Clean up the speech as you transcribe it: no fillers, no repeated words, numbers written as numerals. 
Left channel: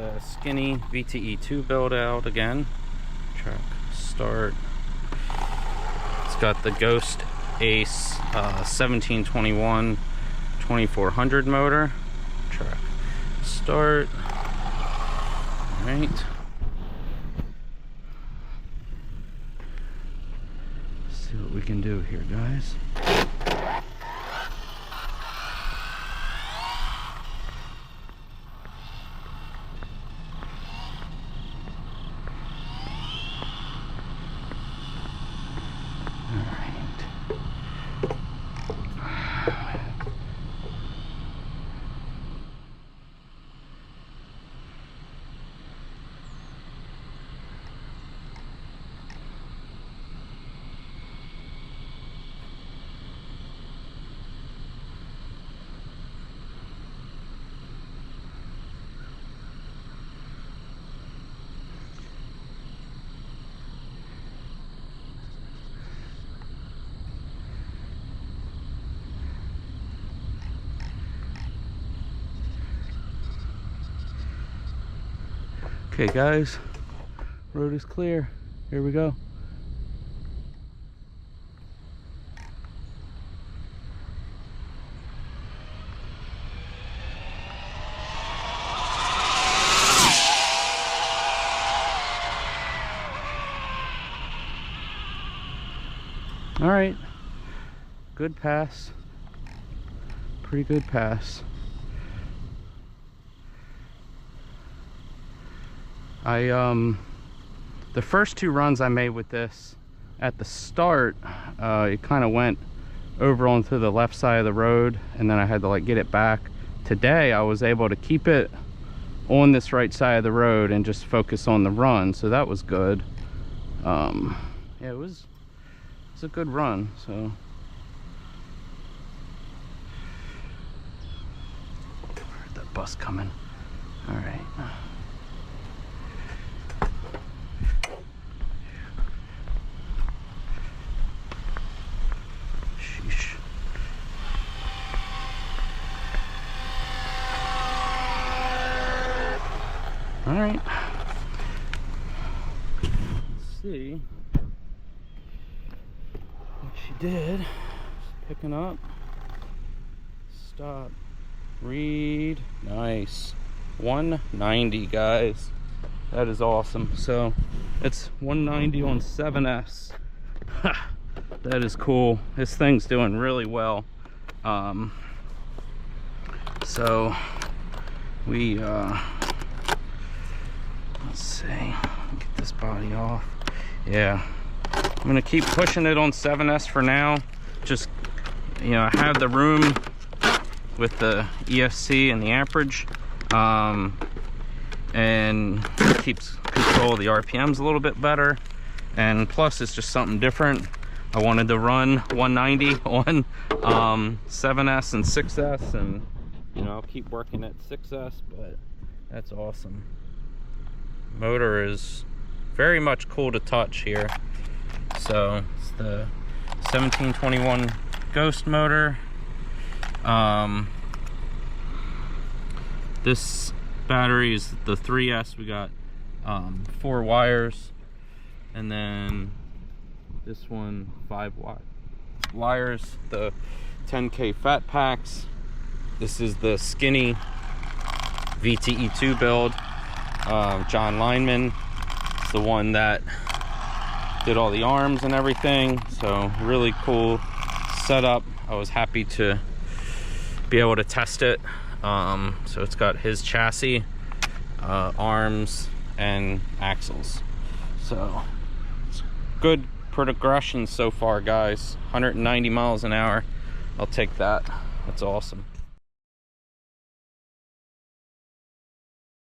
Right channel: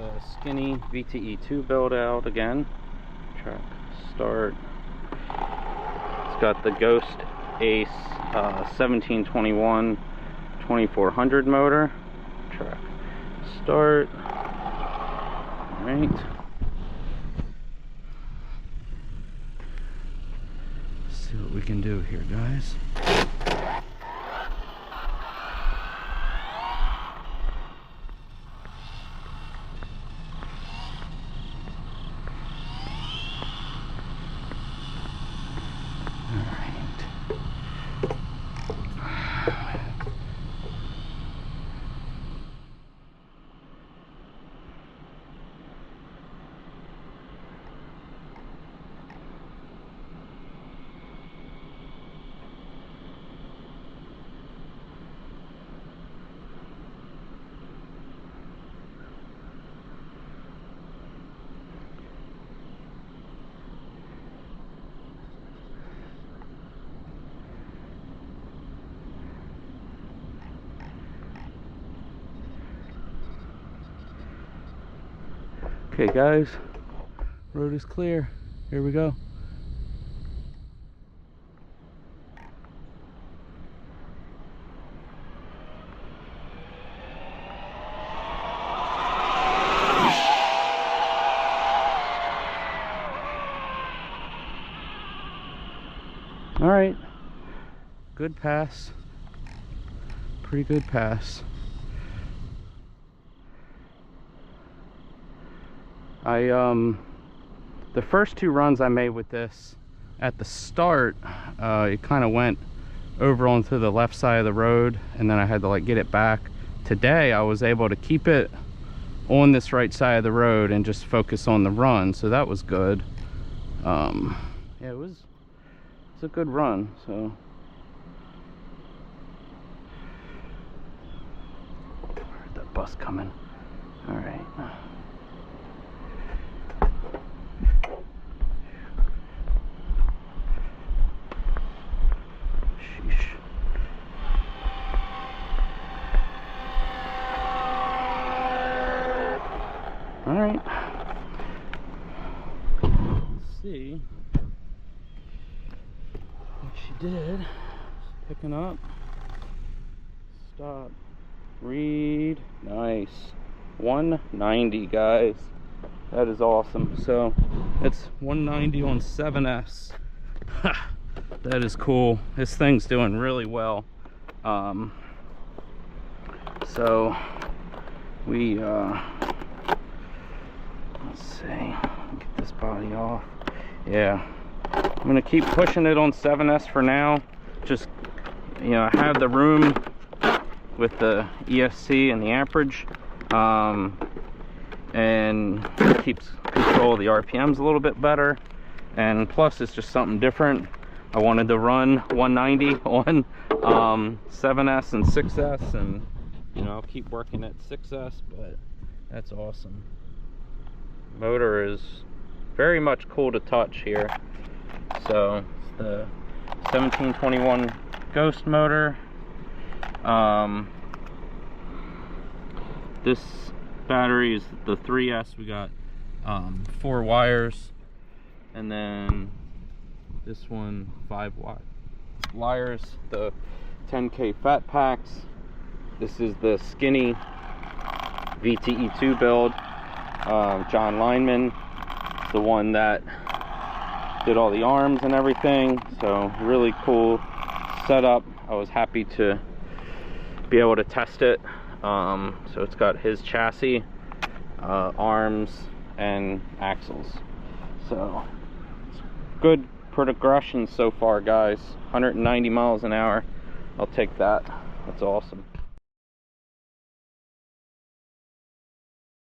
the skinny VTE2 build out again. Track start. It's got the Ghost Ace 1721 2400 motor. Track start. All right. Let's see what we can do here, guys. Okay guys, road is clear. Here we go. All right, good pass. Pretty good pass. The first two runs I made with this, at the start, it kind of went over onto the left side of the road, and then I had to like get it back. Today I was able to keep it on this right side of the road and just focus on the run, so that was good. Yeah, it was a good run. So heard that bus coming. All right. All right, let's see what she did. Picking up, stop, read, nice. 190, guys, that is awesome. So it's 190 on 7S. That is cool. This thing's doing really well. So we let's see, get this body off. Yeah, I'm gonna keep pushing it on 7S for now. Just, you know, I have the room with the ESC and the amperage, and it keeps control of the RPMs a little bit better, and plus it's just something different. I wanted to run 190 on 7S and 6S, and you know, I'll keep working at 6S, but that's awesome. Motor is very much cool to touch here. So it's the 1721 Ghost motor. This battery is the 3S. We got 4 wires, and then this one 5 wires, the 10K fat packs. This is the skinny VTE2 build. John Linneman is the one that did all the arms and everything, so really cool setup. I was happy to be able to test it. So it's got his chassis, arms, and axles. So it's good progression so far, guys. 190 miles an hour. I'll take that. That's awesome.